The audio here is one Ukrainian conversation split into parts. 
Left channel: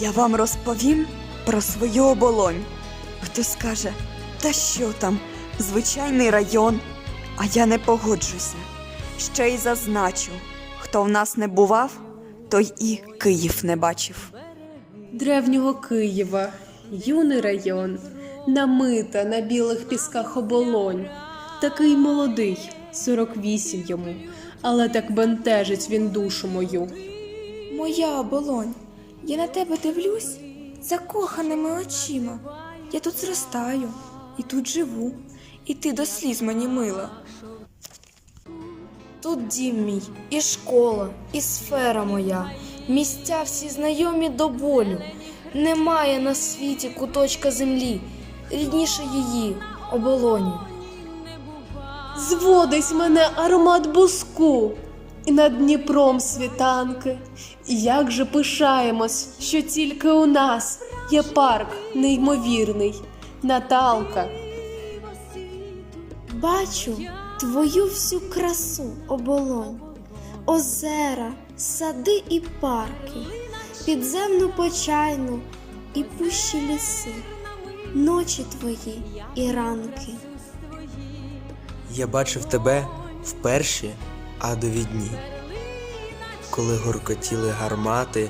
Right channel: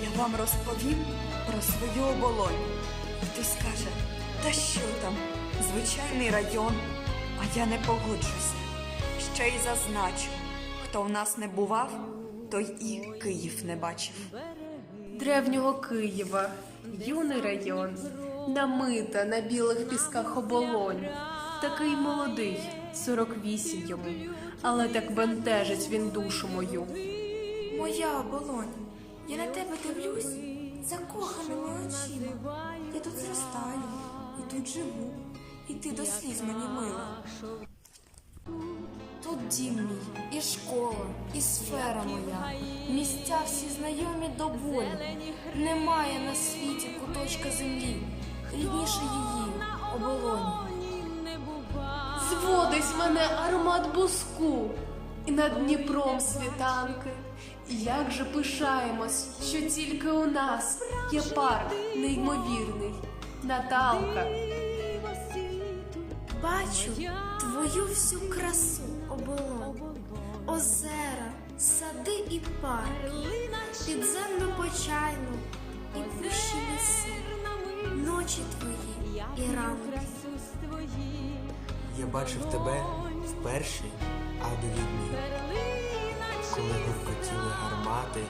Я вам розповім про свою оболонь. Хтось скаже, та що там, звичайний район. А я не погоджуся. Ще й зазначу, хто в нас не бував, той і Київ не бачив. древнього Києва, юний район, намита на білих пісках оболонь. Такий молодий, 48 йому, але так бентежить він душу мою. Моя оболонь, я на тебе дивлюсь закоханими очима. Я тут зростаю і тут живу, і ти до сліз мені мила. Тут дім мій, і школа, і сфера моя, місця всі знайомі до болю. Немає на світі куточка землі, рідніше її оболоні. Зводить мене аромат буску, і над Дніпром світанки. І як же пишаємось, що тільки у нас є парк неймовірний, Наталка. Бачу твою всю красу оболонь, озера, сади і парки, підземну почайну і пущі ліси, ночі твої і ранки. Я бачив тебе в перші адові коли гуркотіли гармати,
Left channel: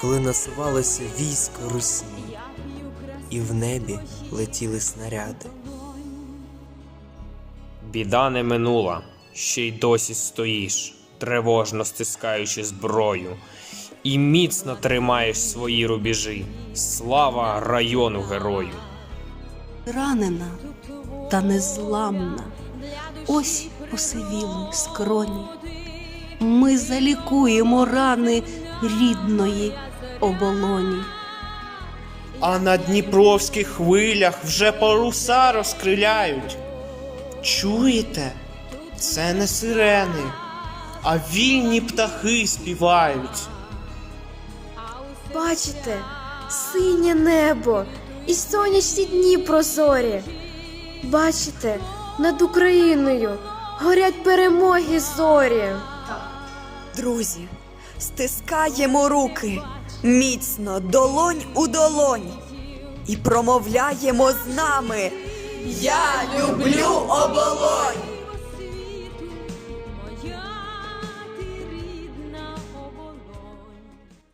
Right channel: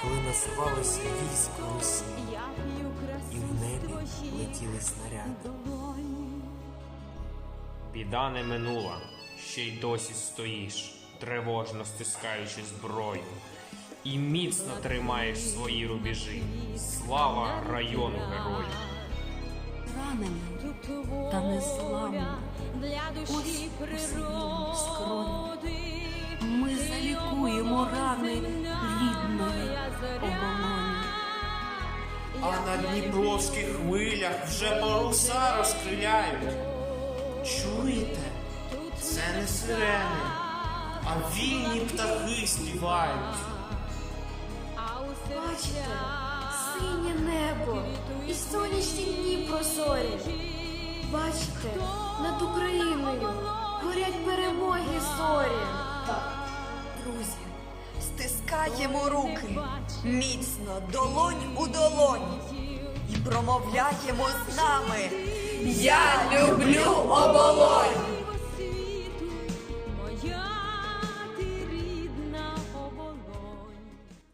коли насувалося військо Русі, і в небі летіли снаряди. Біда не минула, ще й досі стоїш, тривожно стискаючи зброю, і міцно тримаєш свої рубежі. Слава району герою! Ранена та незламна, ось посивіли скроні. Ми залікуємо рани рідної оболоні. А на дніпровських хвилях вже паруса розкриляють. Чуєте? Це не сирени, а вільні птахи співають. Бачите, синє небо і сонячні дні прозорі. Бачите, над Україною горять перемоги зорі. Друзі, стискаємо руки міцно, долонь у долонь, і промовляємо з нами. Я люблю оболонь!